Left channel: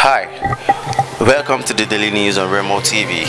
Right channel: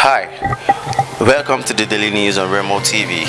Hi, welcome to the Daily News on Remo TV.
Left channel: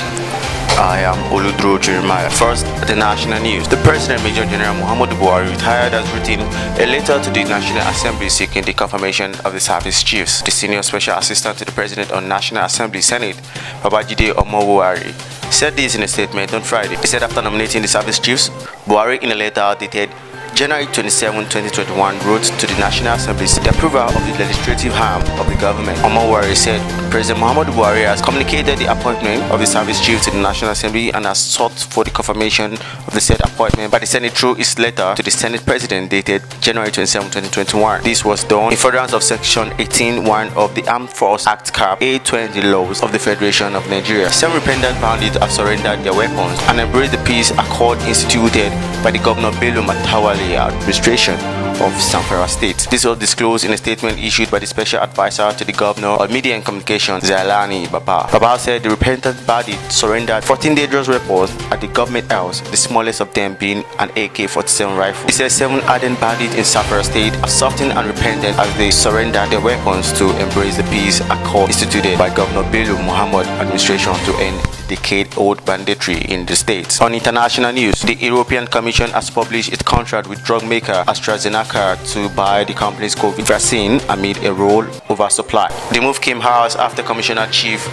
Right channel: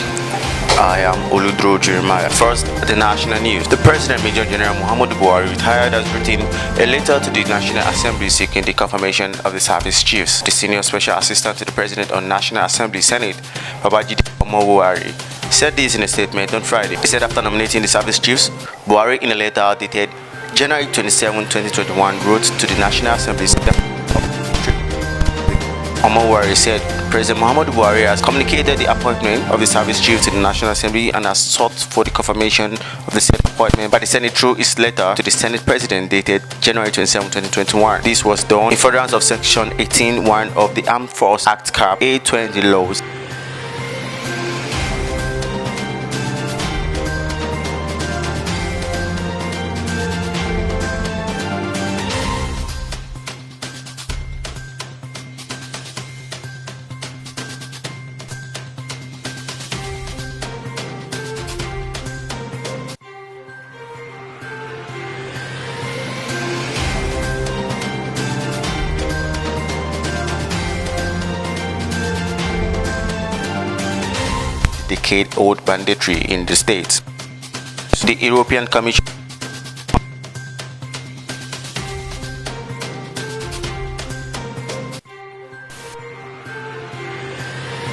I am Oludro Jeremiah. First, the national news. The President Major General Muhammadu Buhari retired has written a letter to the National Assembly seeking the confirmation of the service chiefs. The Senior Special Assistant to the President on National Assembly Senate, Babajide Omobuari, said this in a statement on Friday. He said after nominating the service chiefs, Buhari in a letter dated January 27, 2021 wrote to the National Assembly the approval of the legislative arm of the government. Omobuari said President Muhammadu Buhari has communicated the appointment of the service chief to the National Assembly and has sought for the confirmation of the said appointment by the Senate through his letter to the Senate President dated January 27, 2021. This was done in furtherance of Section 18(1) of the Armed Forces Act Cap A20 laws of the Federation of Nigeria. Some repentant bandits have surrendered their weapons and embraced the peace accord instituted by the Governor Bello Matawalle administration of Zamfara State. This was disclosed in a statement issued by the Special Advisor to the Governor of Media and Communications, Zlatan Baba. Baba said the repentant bandits surrendered 14 dangerous weapons at the government house, the smallest of them being an AK-47 rifle. He said 7 ardent bandits in Zamfara State are softened and repentant as they surrendered their weapons to embrace the peace accord instituted by Governor Bello Muhammad administration to end decade-old banditry in the state. On international news, the European Commission has published its contract with drug maker AstraZeneca to buy the company's COVID vaccine amid a roll oversupply. The move came hours after Commissioner Chief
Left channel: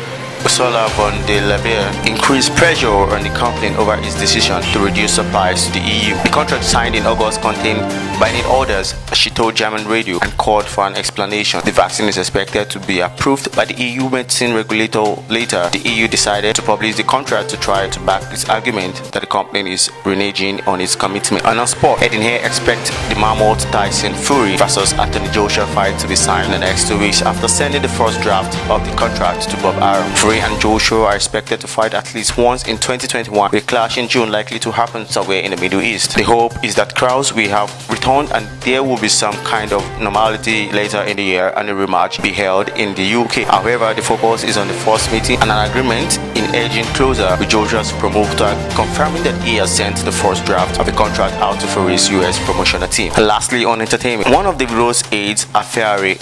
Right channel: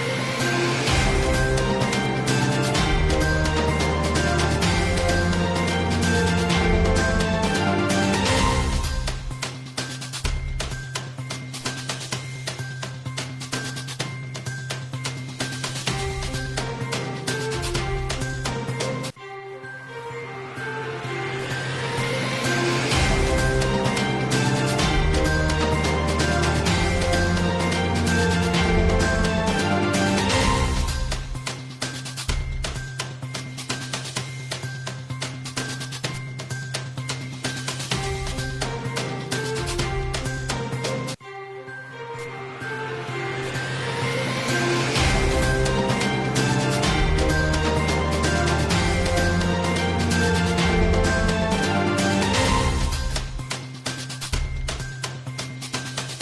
Ursula von der Leyen increased pressure on the company over its decision to reduce supplies to the EU. The contract signed in August contained binding orders, as she told German radio, and called for an explanation. The vaccine is expected to be approved by the EU medicine regulator later. The EU decided to publish the contract to try to back its argument that the company is reneging on its commitment. And on sport, Ed here expect the mammoth Tyson Fury versus Anthony Joshua fight to be signed in the next 2 weeks after sending the first draft of the contract to Bob Arum. Fury and Joshua are expected to fight at least once in 2021, with clash in June likely to happen somewhere in the Middle East. The hope is that crowds will have returned and there will be some kind of normality later in the year and a rematch be held in the UK. However, the focus is on the first meeting and an agreement in edging closer with Joshua's promoter confirming that he has sent the first draft of the contract out to Fury's US promotional team. And lastly, on entertainment, one of Davido's aides,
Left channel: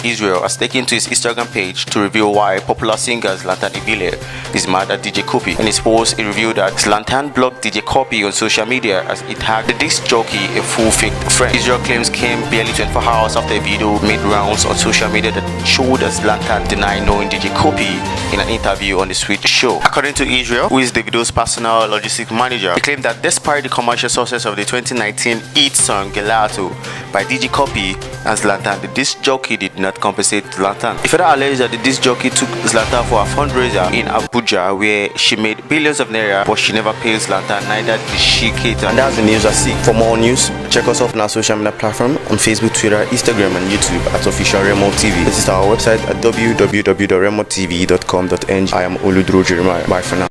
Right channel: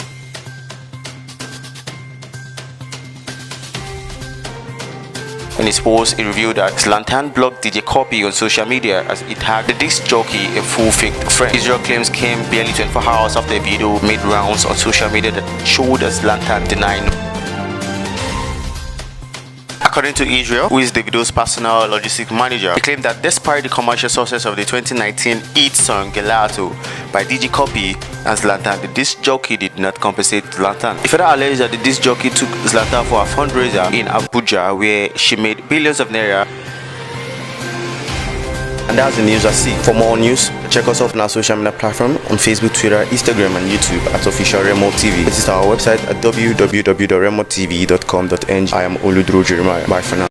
Israel, has taken to his Instagram page to reveal why popular singer Zlatan is mad at DJ Cuppy. In his post, he revealed that Zlatan blocked DJ Cuppy on social media as it tagged the disc jockey a full-faked friend. Israel claims came barely 24 hours after a video made rounds on social media that showed that Zlatan denied knowing DJ Cuppy in an interview on the Swedish show. According to Israel, who is Davido's personal logistics manager, he claimed that despite the commercial success of the 2019 hit song Gelato by DJ Cuppy and Zlatan, the disc jockey did not compensate Zlatan. He further alleged that the disc jockey took Zlatan for a fundraiser in Abuja where she made billions of naira, but she never paid Zlatan, neither did she cater. And that's the news I see. For more news, check us out on our social media platform on Facebook, Twitter, Instagram and YouTube at Officialremotv. Visit our website at www.remotv.com.ng. I am Oludro Jeremiah. Bye for now.